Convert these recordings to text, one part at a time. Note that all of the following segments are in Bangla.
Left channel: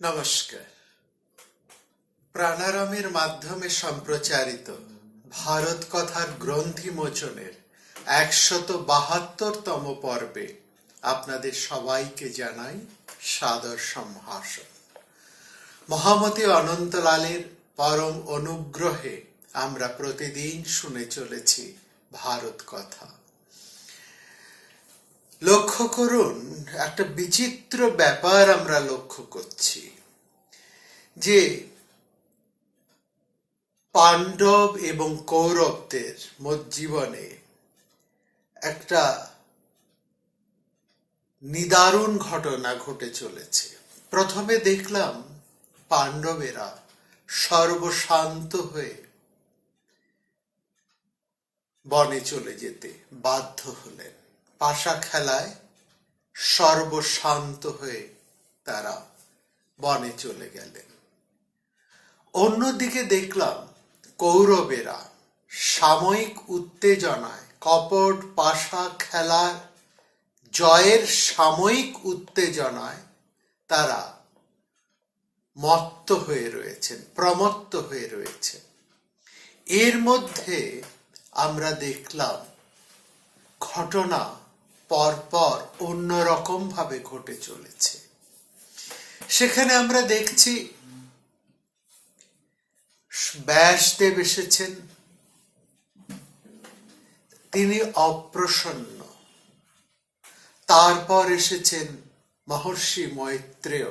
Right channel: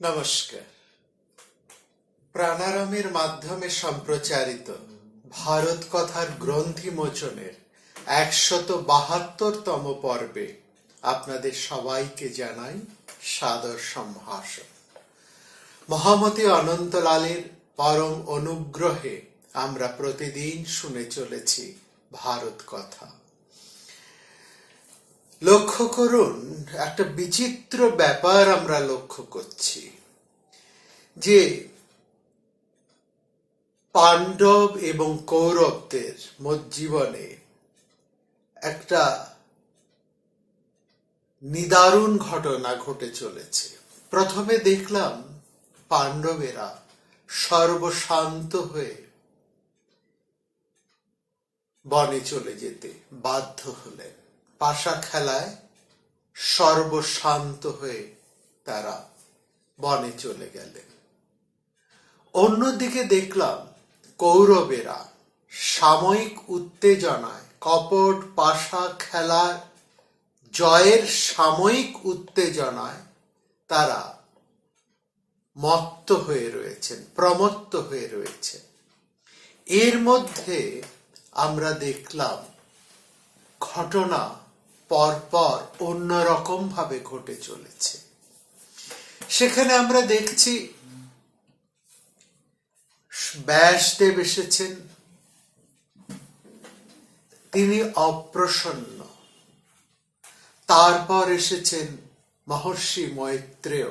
নমস্কার। প্রাণারামের মাধ্যমে সম্প্রচারিত ভারত কথার গ্রন্থি মোচনের একশত বাহাত্তরতম পর্বে আপনাদের সবাইকে জানাই সাদর সম্ভাষণ। মহামতি অনন্তলালের পরম অনুগ্রহে আমরা প্রতিদিন শুনে চলেছি ভারত কথা। লক্ষ্য করুন, একটা বিচিত্র ব্যাপার আমরা লক্ষ্য করছি, যে পাণ্ডব এবং কৌরবদের জীবনে একটা নিদারুণ ঘটনা ঘটে চলেছে। প্রথমে দেখলাম পাণ্ডবেরা সর্বশান্ত হয়ে বনে চলে যেতে বাধ্য হলেন। পাশা খেলায় সর্বশান্ত হয়ে তারা বনে চলে গেলেন। অন্যদিকে দেখলাম কৌরবেরা সাময়িক উত্তেজনায় কপট পাশা খেলার জয়ের সাময়িক উত্তেজনায় তারা মত্ত হয়ে রয়েছেন, প্রমত্ত হয়ে রয়েছে এর মধ্যে আমরা দেখলাম ঘটনা পরপর অন্যরকম ভাবে ঘটে চলেছে। সেখানে আমরা দেখছি ব্যাসদেব এসেছেন। তিনি অপ্রসন্ন। তারপর এসেছেন মহর্ষি মৈত্রেয়।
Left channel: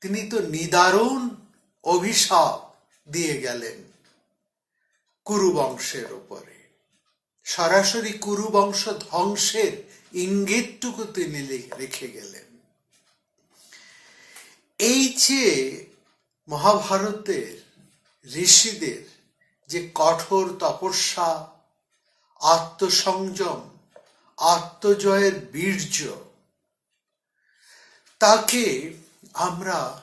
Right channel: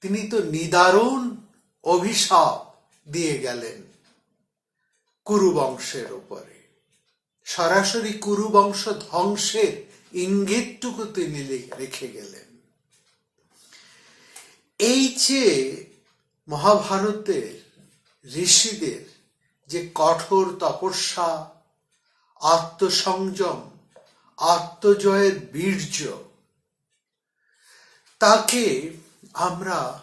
তিনি তো নিদারুণ অভিশাপ দিয়ে গেলেন কুরু বংশের উপরে। সরাসরি কুরু বংশ ধ্বংসের ইঙ্গিতটুকু তিনি রেখে গেলেন। এই যে মহাভারতের ঋষিদের যে কঠোর তপস্যা, আত্মসংযম, আত্মজয়ের বীর্য, তাকে আমরা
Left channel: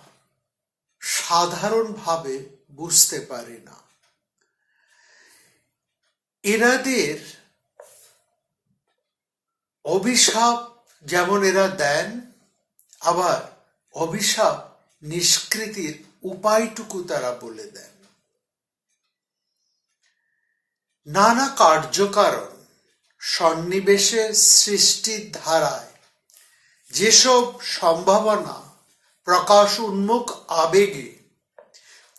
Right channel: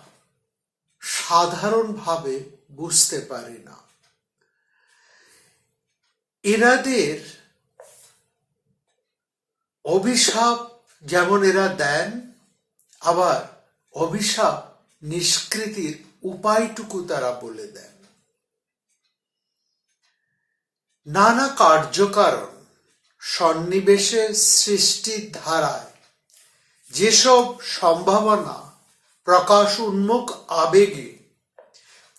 সাধারণভাবে বুঝতে পারি না। এনাদের অভিশাপ যেমন এরা দেন, আবার অভিশাপ নিষ্কৃতির উপায়টুকু তারা বলে দেন। নানা কার্যকারণ সন্নিবেশের সৃষ্টির ধারায় যেসব সম্ভাবনা প্রকাশ উন্মুখ আবেগে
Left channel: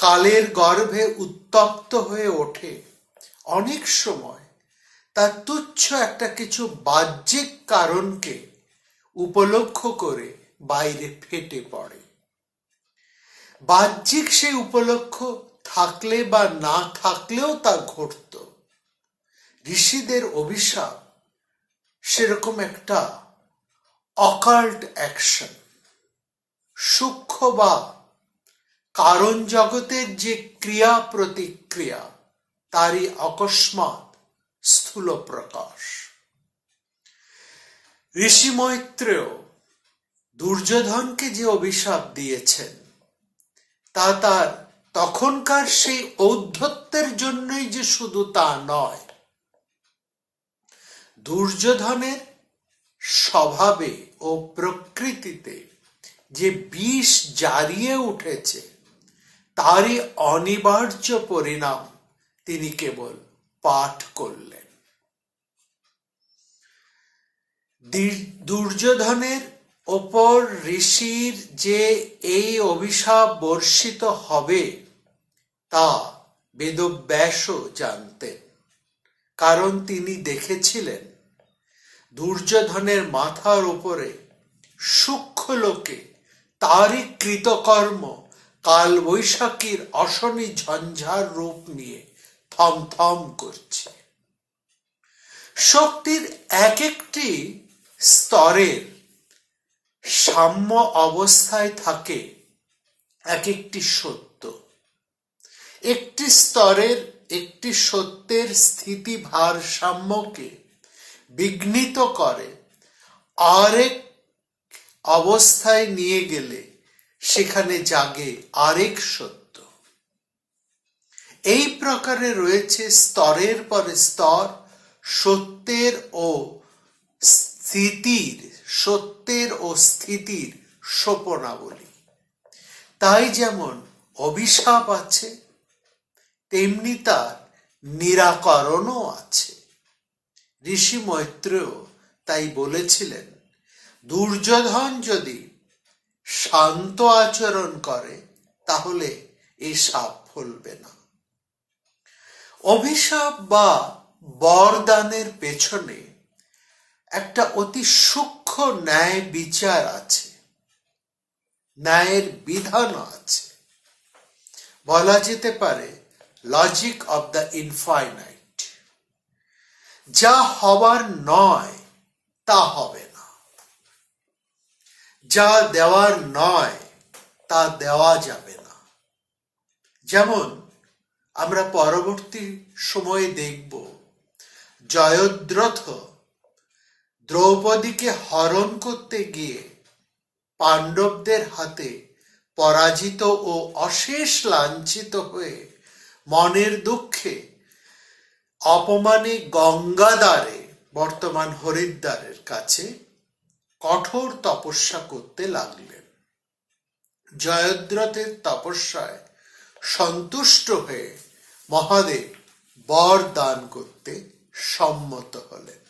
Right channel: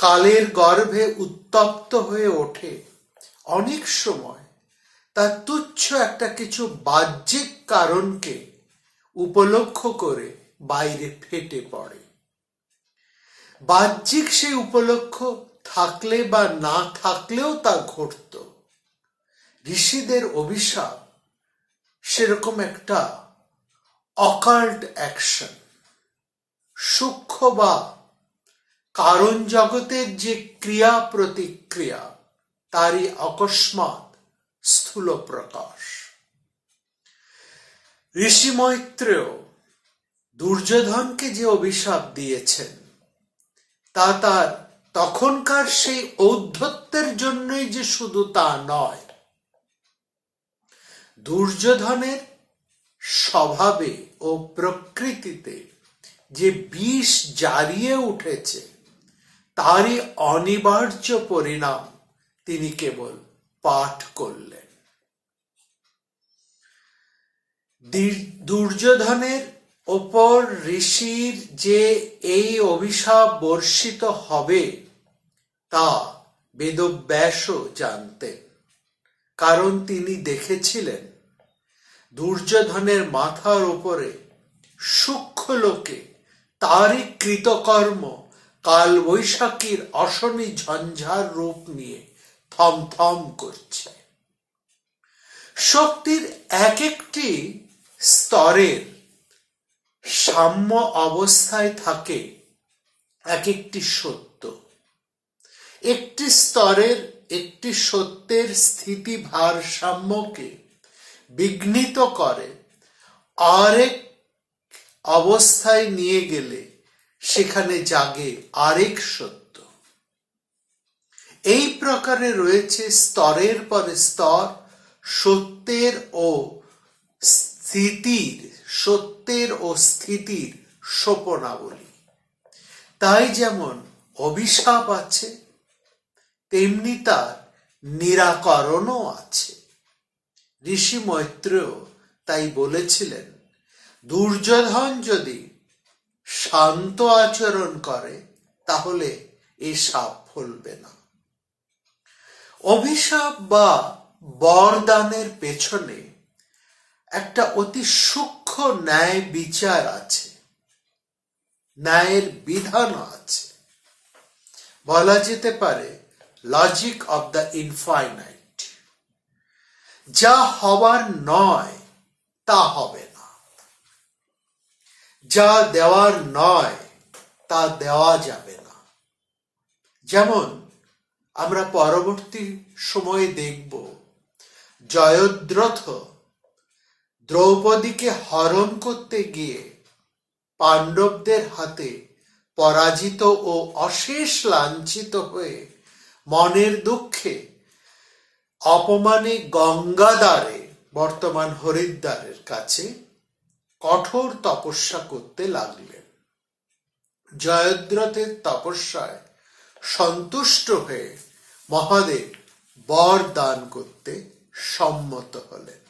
কালের গর্ভে উত্তপ্ত হয়ে ওঠে, অনেক সময় তার তুচ্ছ একটা কিছু বাহ্যিক কারণকে উপলক্ষ করে বাইরে ফেটে পড়ে। বাহ্যিক সেই উপলক্ষ থাকলে বা না থাকলেও তা ঘটত। ঋষিদের অভিশাপ সেরকম একটা অকাল্ট অ্যাকশন। সূক্ষ্ম বা কারণ জগতের যে ক্রিয়া প্রতিক্রিয়া তারই অকস্মাৎ স্থূল প্রকাশ ঋষি মৈত্রেয় দুর্যোধনকে যে অভিশাপ দিয়েছেন, তা তার তখনকার সেই ঔদ্ধত্যের জন্যই যে শুধু তা নয়, দুর্যোধনের স্বভাবে ও প্রকৃতিতে যে বিষ জারিয়ে উঠেছে, তারই অনিবার্য পরিণাম তিনি কেবল পাঠ করলেন। দুর্যোধনের ওপর ঋষির যে এই অভিশাপ বর্ষিত হবে, তা বেদব্যাসও জানতেন। কারণ তিনি দেখেছিলেন, দুর্যোধনের মাথার উপরে সূক্ষ্ম লোকে তারই কৃতকর্ম কাল বৈশাখীর অশনি ঝঞ্ঝার রূপ নিয়ে থমথম করছে। শক্তির এক একটি স্তরে সাম্য অবস্থায় থাকে এক একটি সত্য। একটি স্তরের একটি সত্যের স্থিতি ভারসাম্যকে বিঘ্নিত করে, আরেক অবস্থায় নিয়ে গেলে সেখানে জাগে আরেক সত্য। এই প্রকারে রয়েছে স্তরের পরে স্তর, সত্যের ও স্থিতির, সত্যের ও স্থিতির সোপনাবলী তাই যেমন অভিশাপ আছে, তেমনি তার নিরাকরণও আছে। ঋষি মৈত্রেয় তাই বলেছিলেন, দুর্যোধন যদি শান্ত আচরণ করে, তাহলে এই সাপ ফলবে না। অভিশাপ বা বরদানের পেছনে একটা অতি সূক্ষ্ম ন্যায় বিচার আছে। ন্যায়ের বিধানও আছে। বলা যেতে পারে লজিক অব দ্য ইনফাইনাইট যা হবার নয়, তা হবে না। যা দেওয়ার নয়, তা দেওয়া যাবে না। যেমন আমরা পরবর্তী সময়ে দেখব। জয়দ্রথ দ্রৌপদীকে হরণ করতে গিয়ে পাণ্ডবদের হাতে পরাজিত ও অশেষ লাঞ্ছিত হয়ে মনের দুঃখে অপমানে গঙ্গাদারে বর্তমান হরিদ্বারের কাছে কঠোর তপস্যা করতে লাগলেন। জয়দ্রথের তপস্যায় সন্তুষ্ট হয়ে মহাদেব বর দান করতে সম্মত হলেন।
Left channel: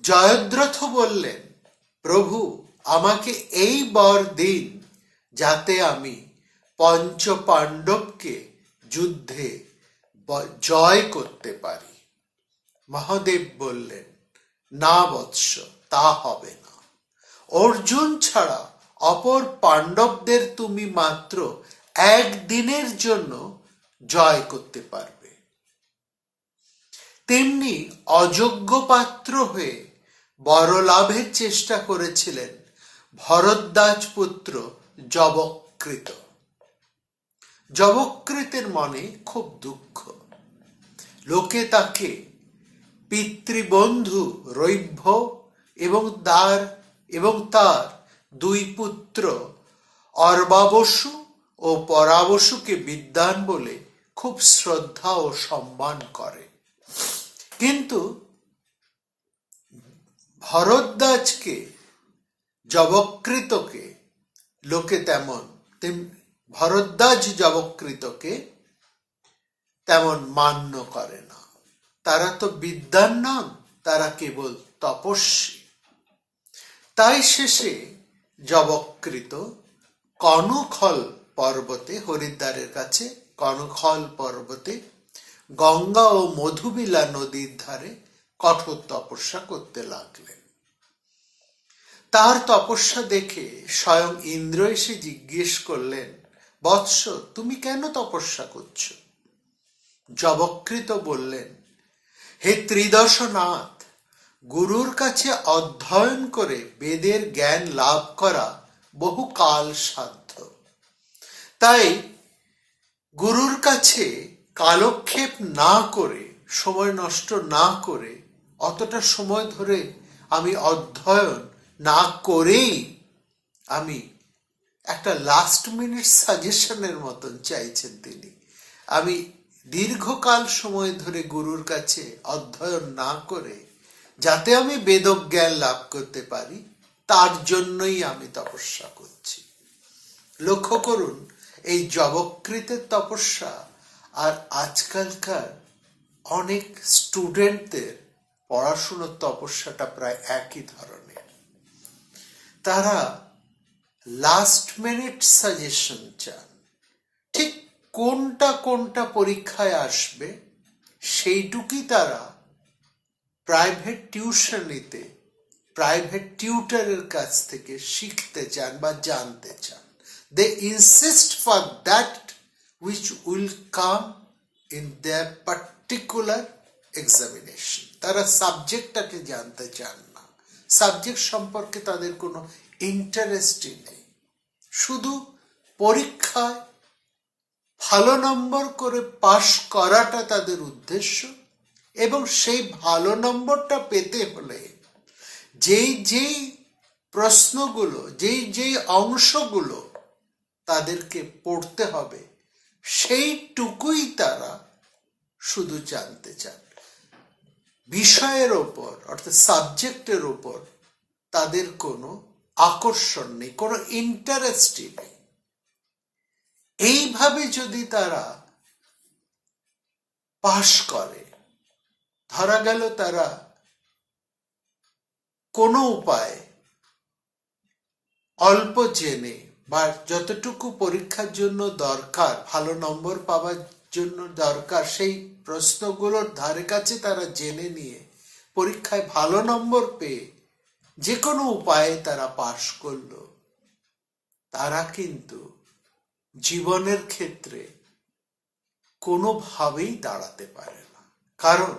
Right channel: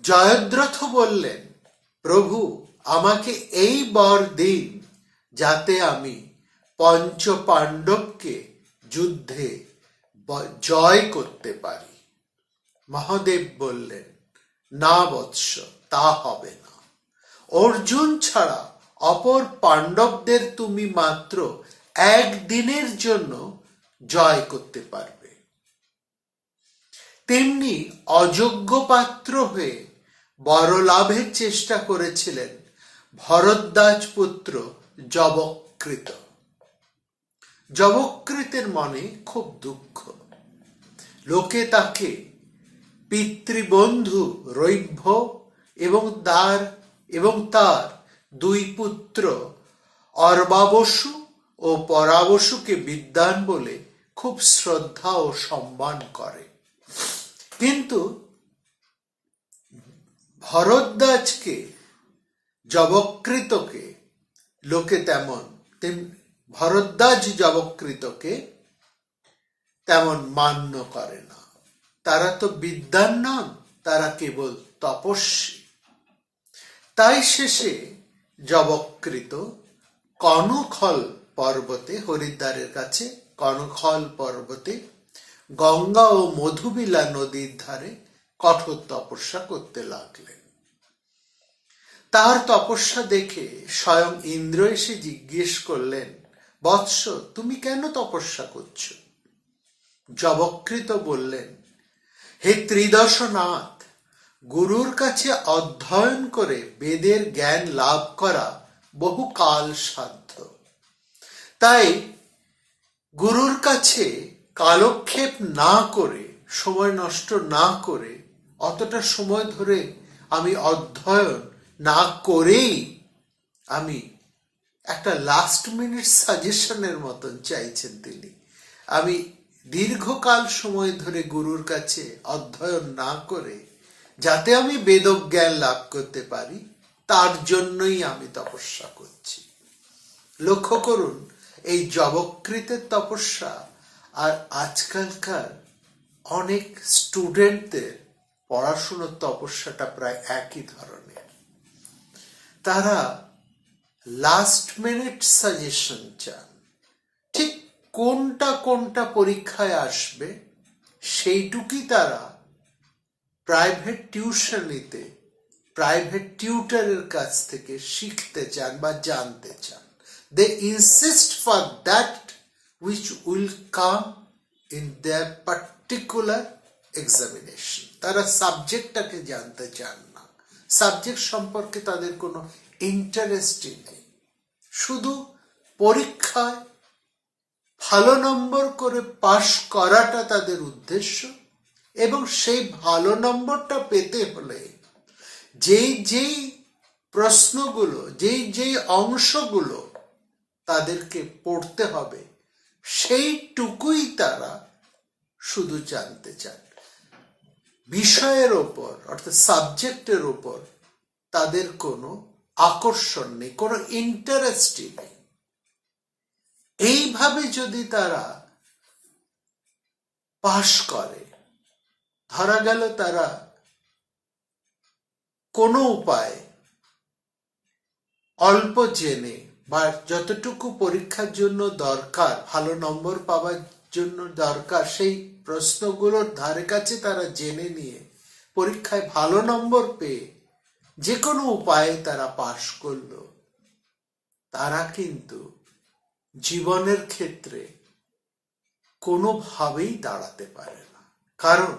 জয়দ্রথ বললেন, প্রভু, আমাকে এই বর দিন যাতে আমি পঞ্চ পাণ্ডবকে যুদ্ধে জয় করতে পারি। মহাদেব বললেন, না বৎস, তা হবে না। অর্জুন ছাড়া অপর পাণ্ডবদের তুমি মাত্র একদিনের জন্য জয় করতে পারবে। তেমনি অযোগ্য পাত্র হয়ে বড় লাভের চেষ্টা করেছিলেন ভরদ্বাজ পুত্র জবকৃত। জবকৃতের মনে খুব দুঃখ। লোকে তাকে পিতৃবন্ধু রৈভ্য এবং তার এবং তার দুই পুত্র অর্বাবসু ও পরাবসুকে বিদ্বান বলে খুব শ্রদ্ধা ও সম্মান করে। কিন্তু ভরদ্বাজকে, জবকৃতকে, লোকে তেমন ভরদ্বাজ জবকৃতকে তেমন মান্য করে না। তারা তো বিদ্যান নন, তারা কেবল তপস্বী। তাই শেষে জবকৃত কনখল পর্বতে, হরিদ্বারের কাছে কনখল পর্বতে, গঙ্গা ও মধুবিলা নদীর ধারে কঠোর তপস্যা করতে লাগলেন। তার তপস্যা দেখে স্বয়ং ইন্দ্র এসে জিজ্ঞেস করলেন, বৎস, তুমি কেন তপস্যা করছ? জবকৃত বললেন, হে ত্রিদশনাথ, গুরুর কাছে অধ্যয়ন করে বেদের জ্ঞান লাভ করা বহু কাল সাধ্য। তাই গুরুর কাছে কালক্ষেপ না করে, সময় নষ্ট না করে, অতটা সময় ধরে আমি অধ্যয়ন না করেই আমি একটা লাস্ট মিনিট সাজেশনের মতন চাইছেন তিনি। আমি দীর্ঘকাল সময় ধরে গুরুর কাছে অধ্যয়ন না করে, যাতে আমি বেদজ্ঞান লাভ করতে পারি, তার জন্যই আমি তপস্যা করছি। লক্ষ্য করুন এই জবকৃতের তপস্যা আর আজকালকার অনেক স্টুডেন্টদের পড়াশুনোর তপস্যাটা প্রায় একই ধরনের। তারা লাস্ট মিনিট সাজেশন চান। ঠিক কোনটা কোনটা পরীক্ষায় আসবে সেইটুকুই তারা প্রাইভেট টিউশনিতে প্রাইভেট টিউটারের কাছ থেকে শিখতে চান বা জানতে চান। They insist for that which will come in their particular examination তারা সাবজেক্টটাকে জানতে চান না। সাবজেক্ট সম্পর্কে তাদের কোনো ইন্টারেস্টই নেই। শুধু পরীক্ষায় ভালো নম্বর করে পাশ করাটা তাদের উদ্দেশ্য এবং সেই ভালো নম্বরটা পেতে হলে যেই যেই প্রশ্নগুলো, যেই যেই অংশগুলো তাদেরকে পড়তে হবে। সেইটুকুই তারা শুধু জানতে চান বিষয়ের ওপর, অর্থাৎ সাবজেক্টের ওপর তাদের কোনো আকর্ষণ নেই, কোনো ইন্টারেস্টই নেই। এইভাবে যদি তারা পাশ করে, ধরা গেল তারা কোনো উপায় অল্প জেনে বা যতটুকু পরীক্ষার জন্য দরকার, ভালো নম্বর পাওয়ার জন্য দরকার, সেই প্রশ্নগুলোর ধারে কাছে তারা জেনে নিয়ে পরীক্ষায় ভালো নম্বর পেয়ে যে কোনো উপায়ে তারা পাশ করল। তারা কিন্তু জীবনের ক্ষেত্রে কোনোভাবেই দাঁড়াতে পারে না। কারণ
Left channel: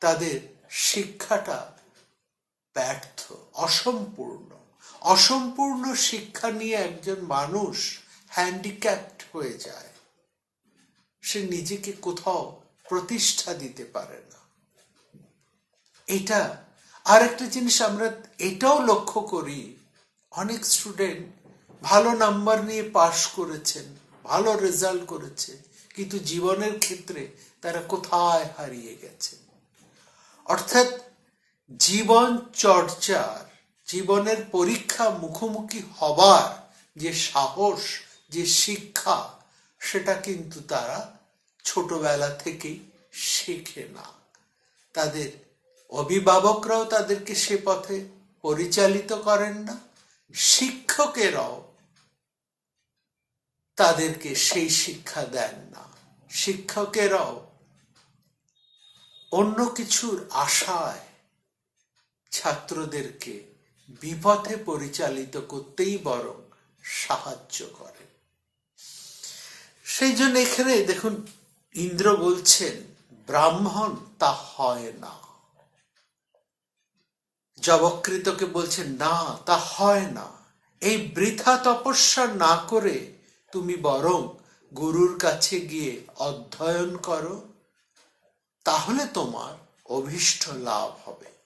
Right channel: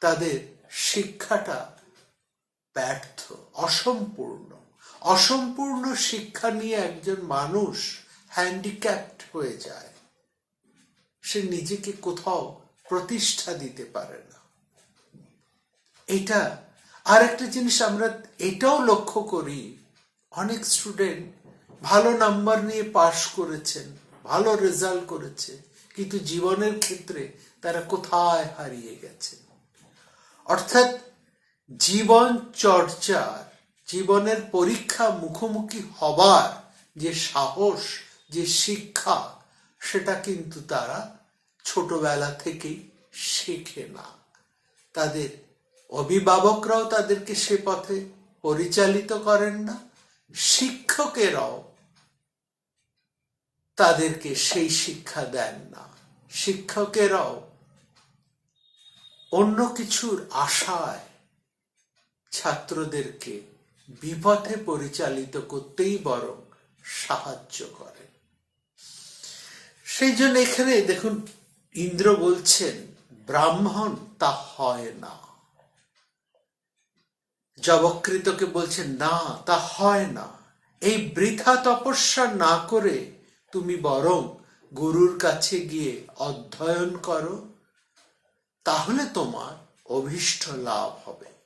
তাদের শিক্ষাটা ব্যর্থ, অসম্পূর্ণ। অসম্পূর্ণ শিক্ষা নিয়ে একজন মানুষ হ্যান্ডিক্যাপ্ট হয়ে যায়। সে নিজেকে কোথাও প্রতিষ্ঠা দিতে পারে না। এটা আর একটা জিনিস আমরা এটাও লক্ষ্য করি, অনেক স্টুডেন্ট ভালো নাম্বার নিয়ে পাশ করেছেন, ভালো রেজাল্ট করেছে কিন্তু জীবনের ক্ষেত্রে তারা কোথায় হারিয়ে গেছে অর্থাৎ জীবন চর্চার জীবনের পরীক্ষা মুখোমুখি হবার যে সাহস, যে শিক্ষা, সেটা কিন্তু তারা ছোটবেলা থেকেই শেখে না। তাদের অভিভাবকরাও তাদেরকে সে পথে পরিচালিত করেন না, শিক্ষকেরাও তাদেরকে সেই শিক্ষা দেন না। শিক্ষকেরাও অন্য কিছুর আশায় ছাত্রদেরকে বিপথে পরিচালিত করতেই বরং সাহায্য করে। সেই জন্য এখানে দেখুন, ইন্দ্র বলছেন, ব্রাহ্মণ, তা হয় না। জবকৃতকে বলছেন, না, তা হয় না। এই বৃথা তপস্যা না করে তুমি বরং গুরুর কাছে গিয়ে অধ্যয়ন করো, তাহলে তোমার অভীষ্ট লাভ হবে।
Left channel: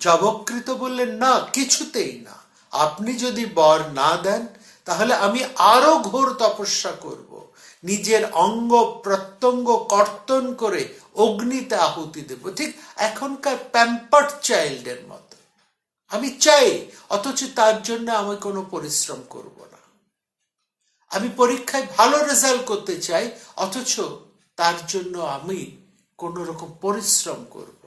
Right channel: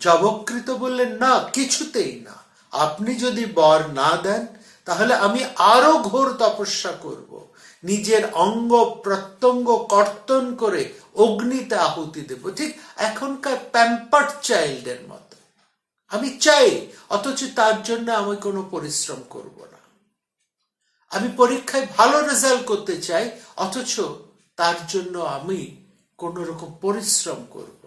জবকৃত বললেন, না, কিছুতেই না। আপনি যদি বর না দেন, তাহলে আমি আরও ঘোর তপস্যা করব। নিজের অঙ্গ প্রত্যঙ্গ কর্তন করে অগ্নিতে আহুতি দেব। ঠিক এখনকার প্যাম্পার্ড চাইল্ডের মতো। আমি চাই, অথচ তার জন্য আমি কোনো পরিশ্রম করব না। আমি পরীক্ষায় ভালো রেজাল্ট করতে চাই, অথচ তার জন্য আমি কোন রকম পরিশ্রম করব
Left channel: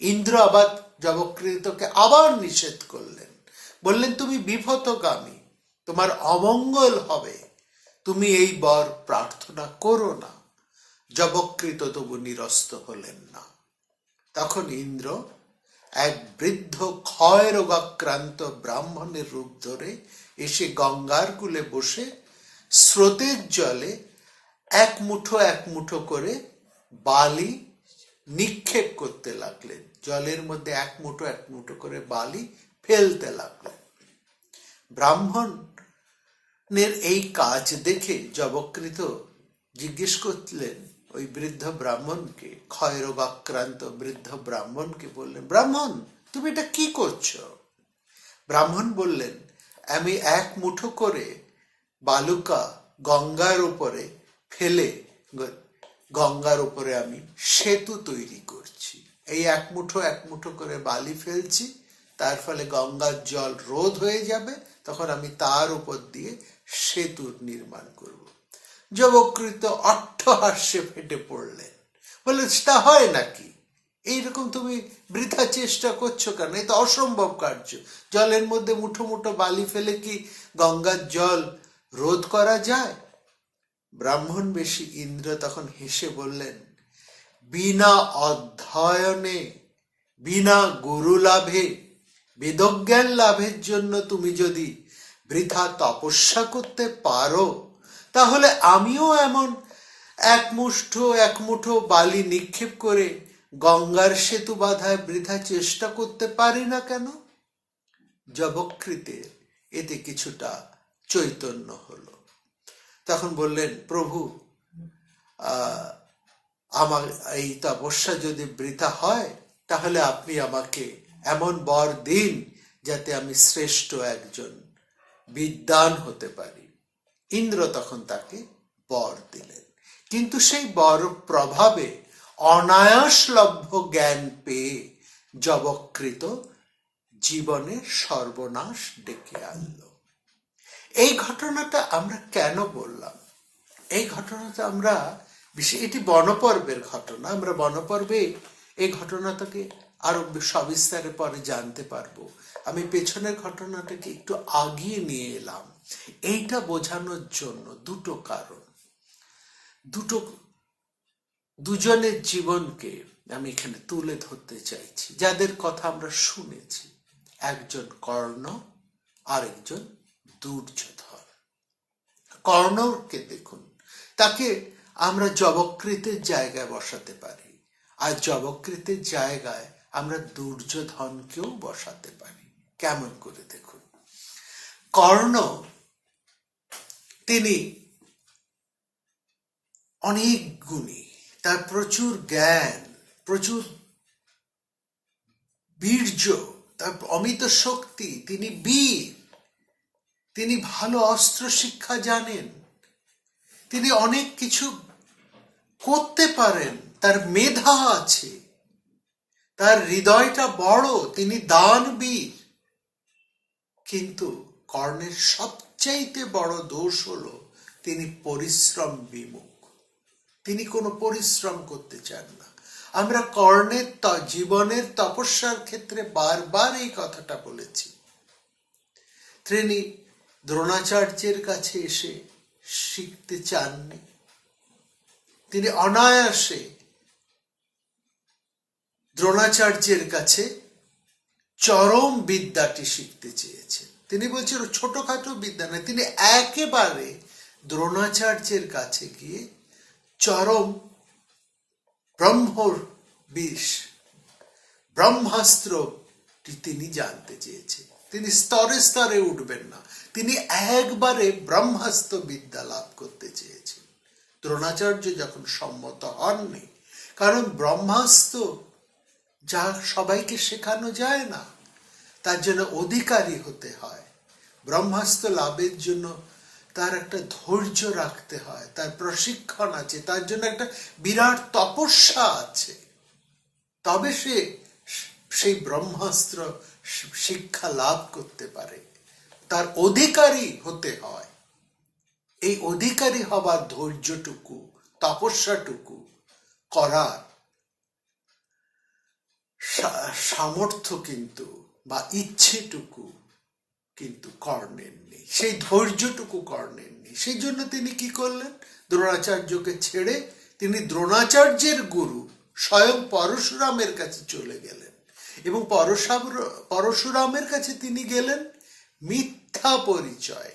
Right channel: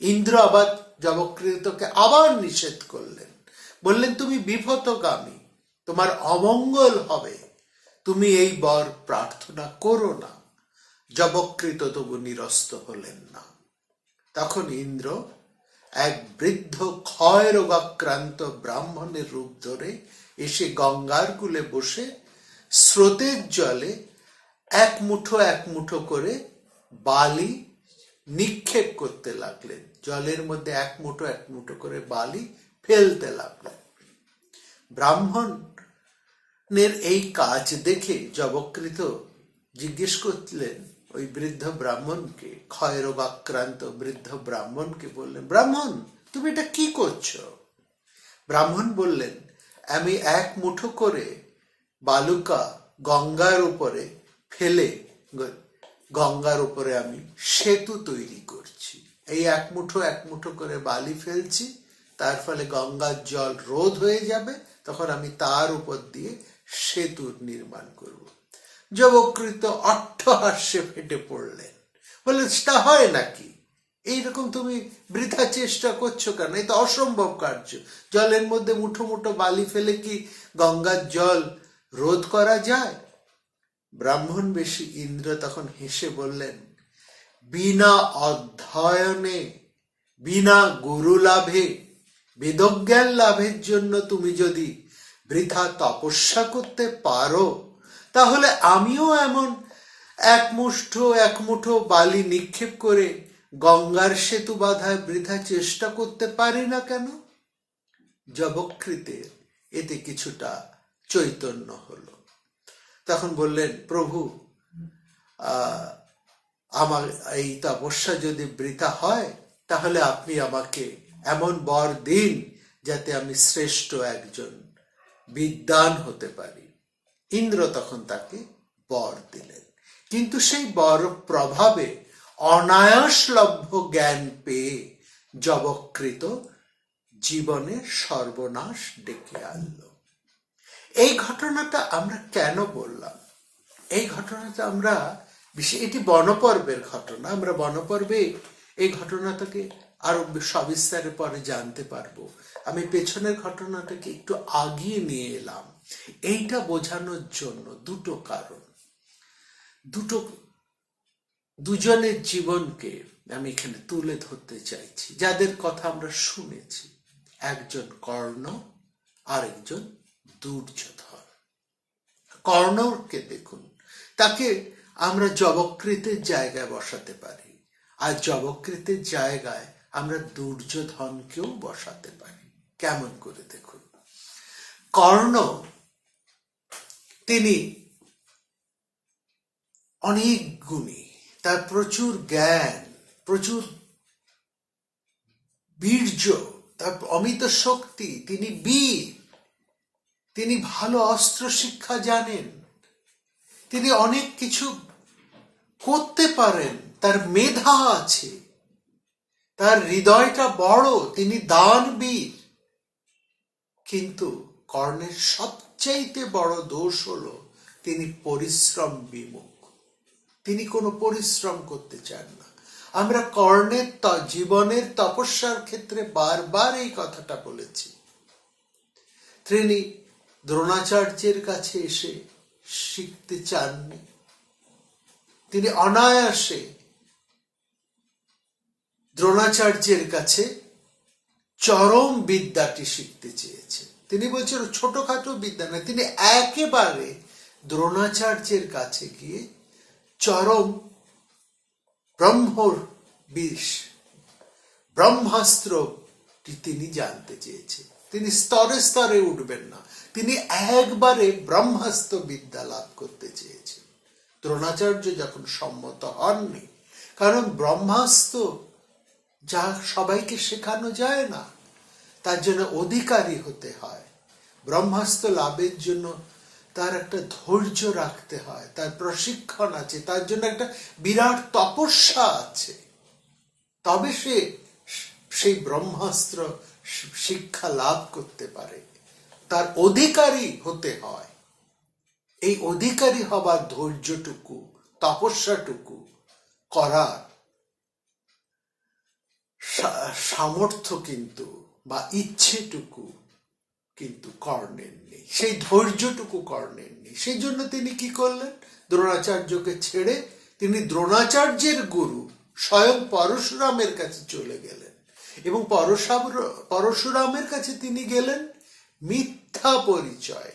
ইন্দ্র আবার যবকৃতকে আবার নিষেধ করলেন। বললেন, তুমি বিভতগামী তোমার অমঙ্গল হবে। তুমি এই বর প্রার্থনা করো না। যবকৃত তবু নিরস্ত হলেন না। তখন ইন্দ্র এক বৃদ্ধ ক্ষয় রোগাক্রান্ত ব্রাহ্মণের রূপ ধরে এসে গঙ্গার কুলে বসে স্রোতের জলে এক মুঠো এক মুঠো করে বালি নিক্ষেপ করতে লাগলেন। জলের মধ্যে এক মুঠো এক মুঠো করে বালি ফেলতে লাগলেন। ব্রাহ্মণের এই কাজ দেখে জবকৃত জিজ্ঞেস করলেন, ওই বৃদ্ধ ব্রাহ্মণকে ক্ষয়রোগাক্রান্ত বৃদ্ধ ব্রাহ্মণকে বললেন, ব্রাহ্মণ, তুমি এটা কি করছ? ব্রাহ্মণ বললেন, আমি এক মুঠো করে বালুকা গঙ্গার উপরে ফেলে গঙ্গার উপরে আমি সেতু তৈরি করছি। এই এক মুঠো এক মুঠো করে বালি ফেলছি, তার ফলে গঙ্গার জল রোধ হয়ে যাবে, তখন আমি তার উপর দিয়ে সেতু নির্মাণ করব। যবকৃত অট্টহাস্যে ফেটে পড়লেন। বলে তা হয় নাকি? এইরকম তুমি বৃথা চেষ্টা করছ কেন? এ তো অসম্ভব কার্য। জলের মধ্যে মুঠো মুঠো বালি ফেলে কি গঙ্গার জল রোধ করা যায়? ব্রাহ্মণ বেশি ইন্দ্র তখন হেসে বললেন, বিনা অধ্যয়নে, বিনা গুরু লাভে বেদজ্ঞান লাভের জন্য তুমি যদি বৃথা তপস্যা করতে পারো, তাহলে আমিও এমন এক মুঠো এক মুঠো বালি নিক্ষেপ করে গঙ্গার সেতু বাধায় বৃথা চেষ্টা করতে পারি না কেন? জবকৃতে এতে কিছুটা চৈতন্য হলো। তখন বললেন, প্রভু আমার এই তপস্যা যদি বৃথা হয়, তাহলে আপনি আমাকে এমন বর দিন যাতে আমি শ্রেষ্ঠ একজন বিদ্বান হতে পারি। ইন্দ্র তখন তাকে বর দিলেন। কিন্তু সেই বর প্রভাবে অনায়াসলভ্য জ্ঞান পেয়ে জবকৃত জীবনের সর্বনাশ ডেকে আনলো। এই ঘটনাটা আমরা কেন বললাম? এই ঘটনাটা আমরা বিশেষ এটি বনপর্বের ঘটনা। আমরা বনপর্বে এই ঘটনাটাকে আরও সবিস্তারে পরে জানতে পারব। আমি পেছনের ঘটনাটাকে একটু আগিয়ে নিয়ে এলাম। এইটা বোঝানোর জন্য দুটো কারণ। দুটো দুজনের জীবনকে আমি এখানে তুলে ধরতে চাইছি। যাদের কথা আমরা শুনেছি। একজন কর্ণ, আরেকজন দুর্যোধন কর্ণকে দেখুন, তাকে আমরা জবকৃতের জায়গায় বসাতে পারি, আর জবকৃতের জায়গায় আমরা দুর্যোধনকেও বসাতে পারি। কেমন করে দেখুন। কর্ণ, তিনি অনেক গুণী, তার প্রচুর জ্ঞান, প্রচুর বীর্য, তার অমিত শক্তি, তিনি বীর। তিনি ভালো অস্ত্র শিক্ষা জানেন। তিনি অনেক কিছু করতে পারেন। তার মেধা আছে। তার হৃদয়টা বড়। তিনি দানবীর। কিন্তু কর্ণের সবচাইতে বড় দোষ হলো তিনি পরিশ্রম বিমুখ। তিনি কোনো পরিশ্রম করতে চান না। আমরা কর্ণের জীবনের তপস্যার ক্ষেত্রে বারবার এই কথাটা বলেছি। তিনি দ্রোণাচার্যের কাছে এসে শিখতে চাননি। তিনি অনায়াসে দ্রোণাচার্যের কাছে চরম বিদ্যাটি শিখতে চেয়েছে। তিনি বলছেন, ছোটখাটো বিদ্যা না তিনি একেবারে দ্রোণাচার্যের কাছে গিয়ে চরম ব্রহ্মর বিষ, ব্রহ্মাস্ত্রটি তিনি জানতে চেয়েছে তিনি স্তরে স্তরে উঠবেন না। তিনি একবারে ব্রহ্মাস্ত্র বিদ্যা লাভ করতে চেয়েছেন। দ্রোণাচার্য যখন সম্মত হননি, কারণ ব্রহ্মাস্ত্র যা সবাইকে শেখানো যায় না, তার জন্য অধিকারী হতে হয়। ব্রহ্মাস্ত্র লাভের জন্য তার একটা ধৈর্য রাখতে হয়, তার প্রশিক্ষণ আছে, তার জন্য একটা বিরাট তপস্যা আছে। তবে সে সেই ব্রহ্মাস্ত্র শিক্ষা লাভ করতে পারে। তার অধিকারী হতে হয়। এই অধিকারী হবার ধৈর্যটুকু, তপস্যাটুকু করার সামর্থ্য কিন্তু বা ইচ্ছেটুকু কিন্তু কর্ণের নেই। সেই ধৈর্যটুকু কর্ণের নেই। সেই জন্য তিনি কি করলেন? দ্রোণাচার্যকে ছেড়ে তিনি দ্রোণাচার্যের গুরু স্বয়ং পরশুরামের কাছে চলে গেলেন। এবং পরশুরামের কাছে তিনি গেলেন মিথ্যা পরিচয়।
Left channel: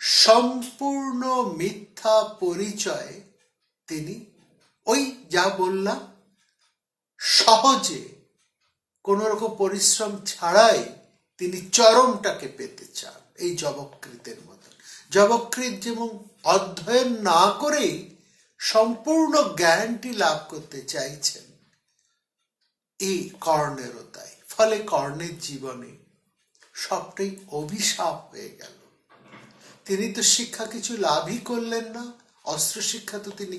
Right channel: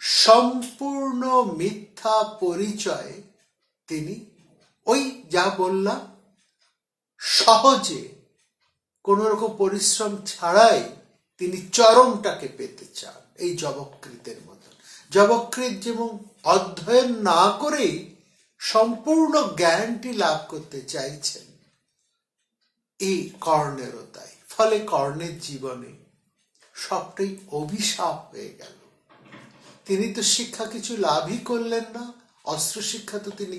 সম্পূর্ণ মিথ্যা পরিচয় তিনি ওই যা বললাম, সহজে কোন রকম পরিশ্রম ছাড়াই তিনি চরমটাকে পেতে চান এই জবকৃতের মতন। জবকৃত যেমন অধ্যয়ন না করেই সম্পূর্ণ জ্ঞানটি লাভ করতে চাইছেন এই কর্ণেরও তাই। ফলে কর্ণের জীবনে সবটাই অভিশাপ হয়ে গেল। তিনি তো শিক্ষা কিছু লাভই করলেন না, অস্ত্র শিক্ষা তো তিনি,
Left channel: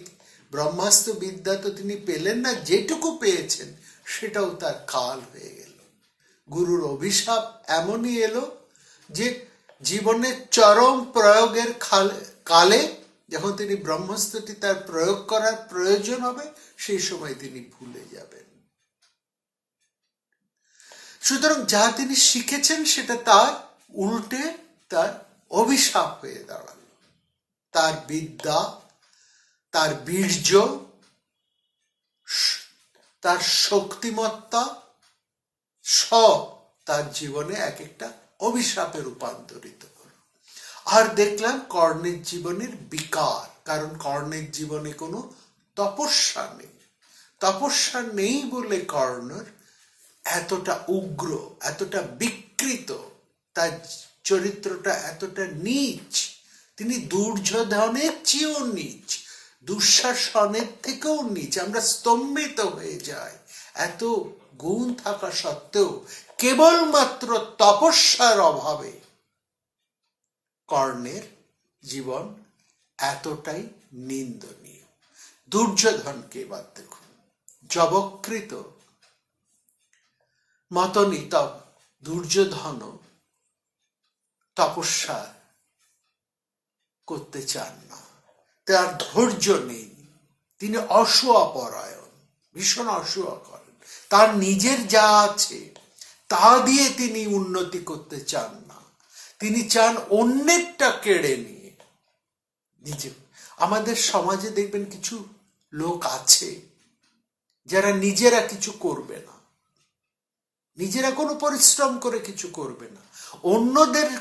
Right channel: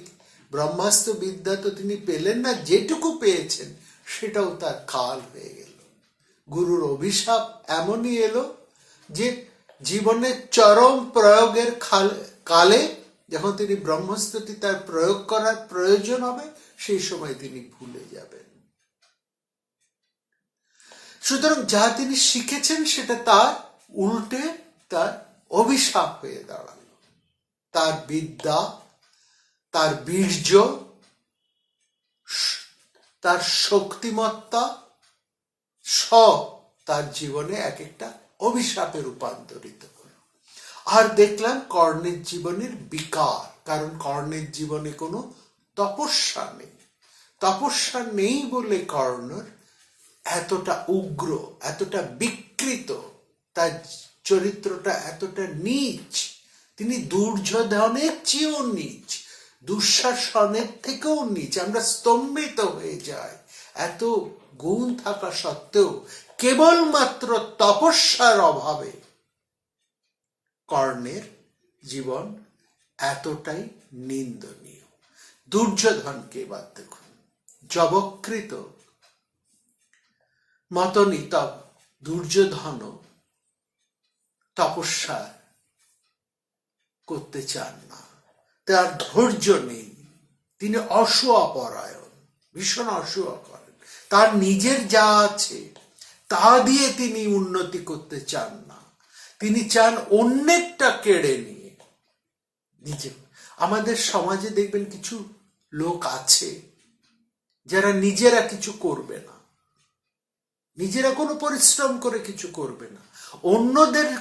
ব্রহ্মাস্ত্র বিদ্যা তো তিনি পেলেন না, যেটুকু পেয়েছেন সেটাও তার কাল হয়ে গেল। গুরুর অভিশাপ এমনই এলো যে জীবনের চরম প্রয়োগের কালে যখন তিনি ব্রহ্মাস্ত্রটি তার প্রয়োগ করার প্রয়োজন হবে, সেই সময় তিনি ভুলে যাবেন। সুতরাং যা তিনি শিখেছেন সেটা তার উল্টে তার অভিশাপ হয়ে দাঁড়াল। তার বিদ্যা, তার বীর্য, তার শক্তিমত্তা সব তার জীবনে এক একটা অভিশাপে রূপান্তরিত আর দেখলাম কর্ণের জীবনের বিকার, কারণ কর্ণের জীবনে কোনো তপস্যা নেই। তপস্যা নেই বলে কর্ণর এতটা উগ্র, এতটা বিকৃত, তার চরিত্রটা এতটা নীচ। তিনি দুর্যোধনের চেয়েও নীচ, দুঃশাসনের থেকেও নিচ। আমরা স্তম্ভিত হয়ে যাই। এত গুণ থাকা সত্ত্বেও কেবলমাত্র তপস্যার অভাবে কর্ণের জীবন এতটাই নিন্দনীয়। দুর্যোধনকে এবার দেখুন। জবকৃত মতনই তব দুর্যোধন তপস্যা করতে চান না। তার ধৈর্য নেই। তিনি অসুয়াপরায়ণ, ভীষণ অসুয়া করেন তার নিজের যা আছে, তা দিয়ে তিনি উন্নতি করতে চান না। তিনি চান অন্যেরটা কেড়ে নিয়ে নিজে। আমাদের সমাজে দেখবেন কিছু লোক আছে, যারা নিজেরা কিছু করবে না। নিজেরা কোনো পরিশ্রম করে কিছু করবে না। অন্যদের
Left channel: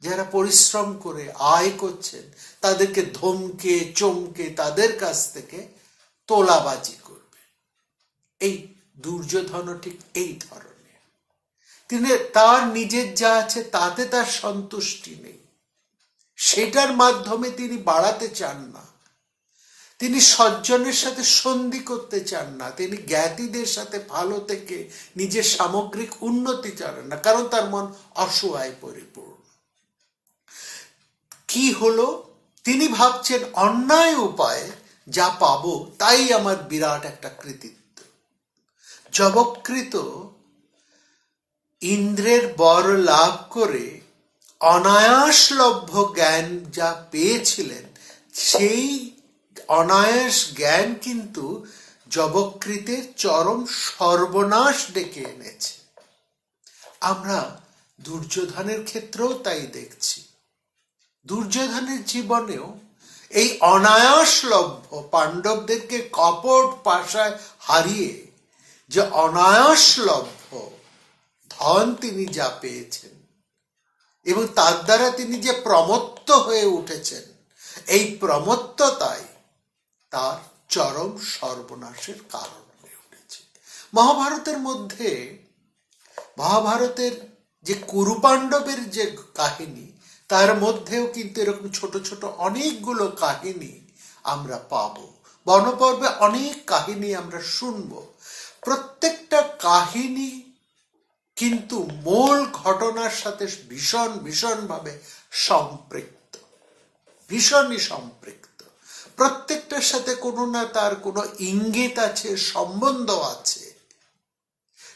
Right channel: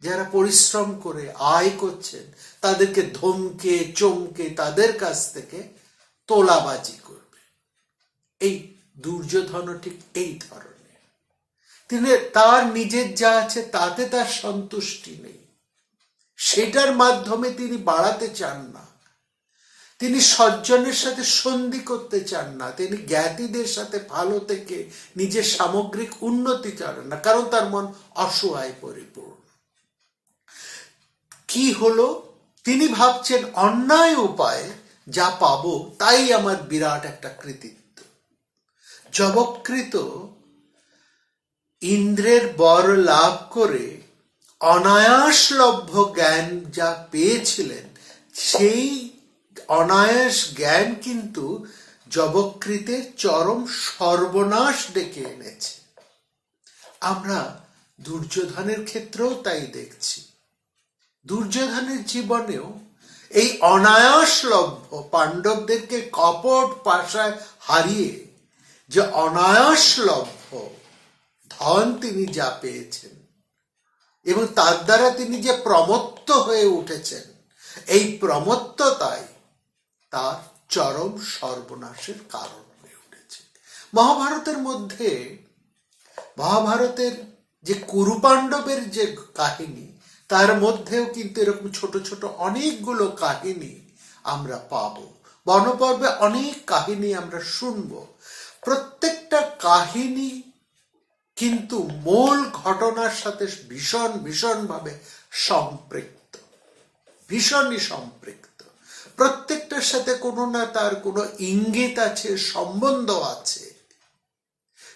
যারা পরিশ্রম করে, আয় করছেন, তাদেরকে ধমকে, চমকে, তাদের কাছ থেকে তোলাবাজি করবে। এই দুর্যোধন ঠিক এই ধরনের। তিনি তার নিজের যা আছে, তাতে তার সন্তুষ্টি নেই। সেটার মাধ্যমে তিনি বাড়াতে চান না। তিনি সজ্জনের সাথে সন্ধি করতে চান না। তিনি জ্ঞাতিদের সাথে ভালো থেকে নিজের সামগ্রিক উন্নতি চান না, কারণ তার মন অসহায় পরিপূর্ণ। কি হলো? তিনি ভাবছেন, অন্যায় উপায় যা পাব, তাই আমার বিরাট একটা কৃতিত্ব। জবকৃত ইন্দ্রের বর লাভ করে অনায়াসলভ্য জ্ঞান যা পেয়েছিলেন, সেই অনায়াস জ্ঞান কিন্তু জবকৃতের চরম সর্বনাশ ডেকে এনেছে। আমরা দুর্যোধনের ক্ষেত্রেও তাই দেখছি। দুর্যোধনের জীবনেও এই অনায়াসলভ্য পাণ্ডবদেরকে কপট পাশায় হারিয়ে যে অনায়াসলভ্য ধন তিনি যা পেয়েছেন এবং তার দ্বারা তিনি যে প্রমত্ত হয়ে উঠেছেন, এই প্রমত্ততাই তার চরম সর্বনাশের কারণ হয়ে উঠেছে। মহাভারতের মধ্যে মহাভারতের যে কুরুপাণ্ডবের যে কাহিনী, তার মধ্যেও কিন্তু এরকম ছোট ছোট অনেকগুলো কাহিনী আমরা পাব। বনপর্বে অনেক কাহিনী আমরা শুনব। প্রত্যেকটা কাহিনী কিন্তু মূল ঘটনার সাথে ভীষণ ভীষণভাবে সম্পৃক্ত। ভীষণই সম্পৃক্ত। প্রত্যেকটার সাথে কোনো না তার কোনো ইঙ্গিত আছে, সম্বন্ধ আছে।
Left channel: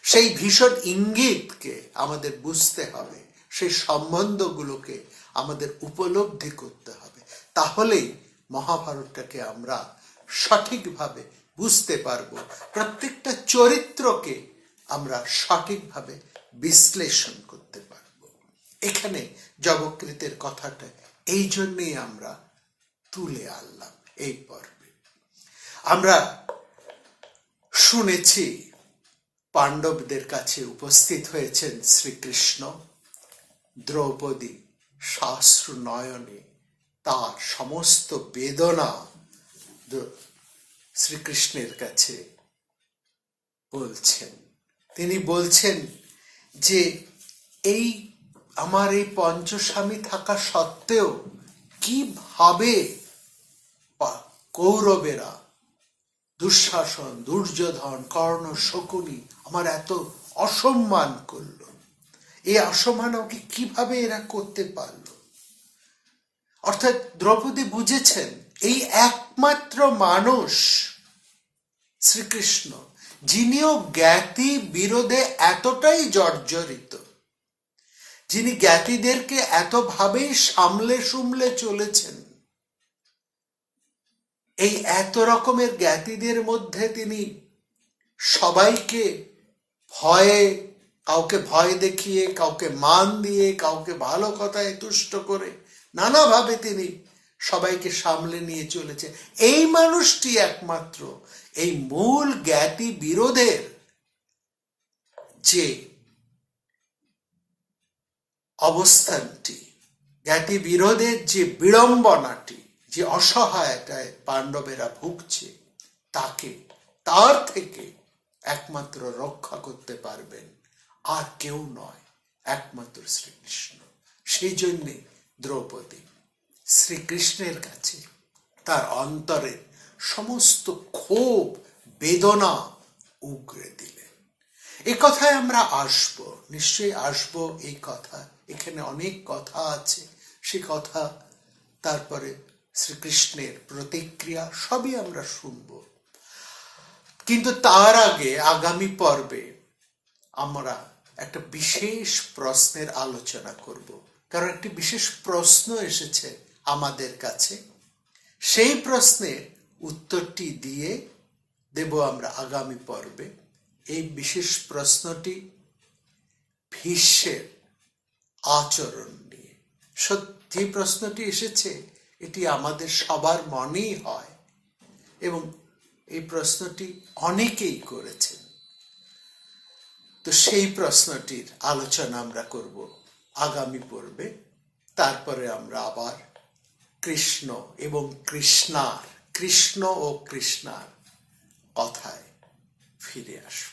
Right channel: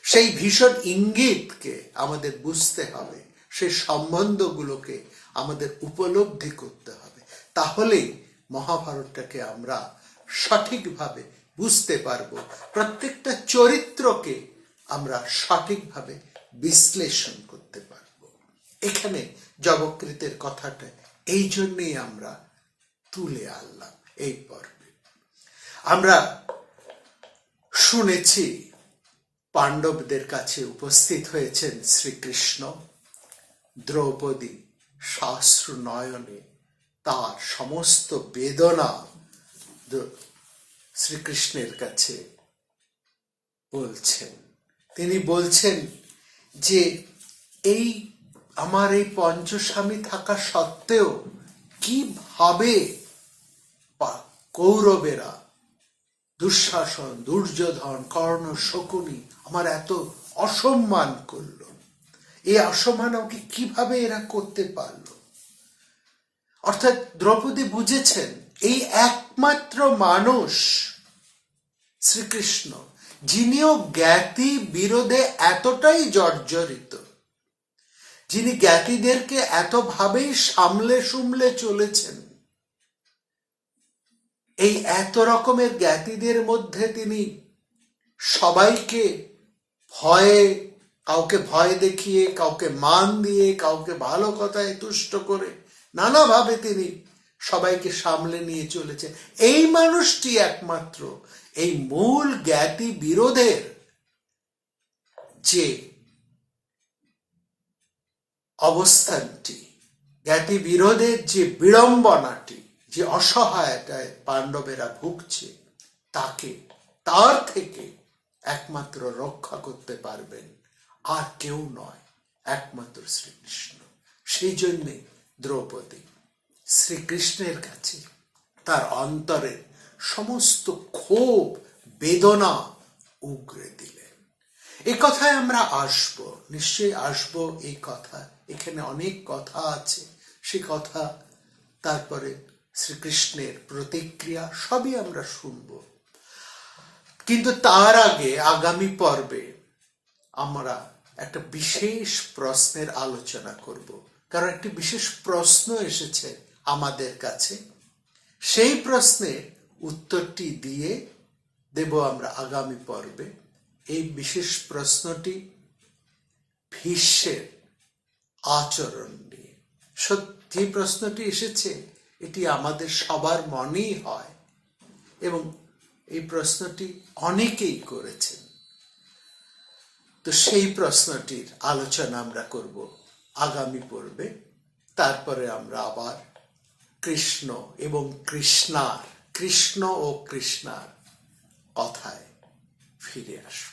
সেই ভীষণ ইঙ্গিতকে আমাদের বুঝতে হবে, সেই সম্বন্ধগুলোকে আমাদের উপলব্ধি করতে হবে। তাহলেই মহাভারতটাকে আমরা সঠিকভাবে বুঝতে পারব, প্রত্যেকটা চরিত্রকে আমরা সঠিকভাবে বিশ্লেষণ করতে পারব। এখানে জবকৃতের কথাটা এই জন্যই আমরা তুলে আনলাম। এই পর্বে। আমরা শুনেছি পাণ্ডবদের কাছে উপস্থিত হয়েছেন শ্রীকৃষ্ণ। দ্রৌপদী শাস্ত্র নয়নে তার সমস্ত বেদনা শ্রীকৃষ্ণের কাছে বলছেন। তিনি বলছেন যে এই আমার এই পঞ্চস্বামী থাকা সত্ত্বেও কীভাবে কৌরবেরা, দুঃশাসন, দুর্যোধন, কর্ণ, শকুনি আমার এত অসম্মান করল। এই অসম্মান আমাকে কীভাবে এরা করতে পারল? অর্থাৎ দ্রৌপদী বুঝেছেন, এই একমাত্র মানুষ শ্রীকৃষ্ণ, যিনিও জ্ঞাতি বিরোধে এতটাই জর্জরিত, যিনি জ্ঞাতিদেরকে এতভাবেই সামলে সুমলে চলেছেন। এই এত রকমের জ্ঞাতিদের মধ্যে তিনি সবাইকে ভয়ে, কাউকে ভয় দেখিয়ে, কাউকে মান দিয়ে, কাউকে ভালো কথায় তুষ্ট করে নানাভাবে তিনি সবাইকে সামলে নিয়ে চলেছে এই মানুষটি একমাত্র, এই মূল জ্ঞাতি বিরোধের যে অবস্থানটি, জ্ঞাতি বিরোধের যে বিড়ম্বনাটি যে অসহায়তায় পাণ্ডবেরা ভুগছে, তাকে, তার থেকে একমাত্র রক্ষা করতে পারবেন। আর কেউ নয়, একমাত্র শ্রীকৃষ্ণ। সেই জন্যে দ্রৌপদী শ্রীকৃষ্ণের কাছে তার অন্তরে সমস্ত ক্ষোভ, বেদনা উগরে দিলেন। এই কথায় আমরা আসব, নিশ্চয়ই আসব এই কথা। এখানে অনেক কথা আছে। সে কথা তারপরে শ্রীকৃষ্ণের প্রতিক্রিয়া সবই আমরা শুনব। কিন্তু তার আগে আগামী পর্বে আমরা একটা বিশেষ প্রশ্নের আলোচনা করব। কারণ একটি বিশেষ প্রশ্ন এসেছে আমাদের কাছে। সেই প্রশ্নের উত্তরটি দিয়ে দেব আমরা আগামী পর্বে। এই বিশেষ প্রশ্নটি ভীষ্মের আচরণ নিয়ে। সত্যি প্রশ্নটি এসেছে? এটি আমাদের সবার মনেই হয়। এবং এই প্রশ্নটি অনেকেই করেছেন। তো সেই প্রশ্নটির আলোচনা আমরা করব আগামী পর্বে। তারপরে আমরা আবার কৃষ্ণ এবং কৃষ্ণার, কৃষ্ণ ও কৃষ্ণার কথায় ফিরে আসব।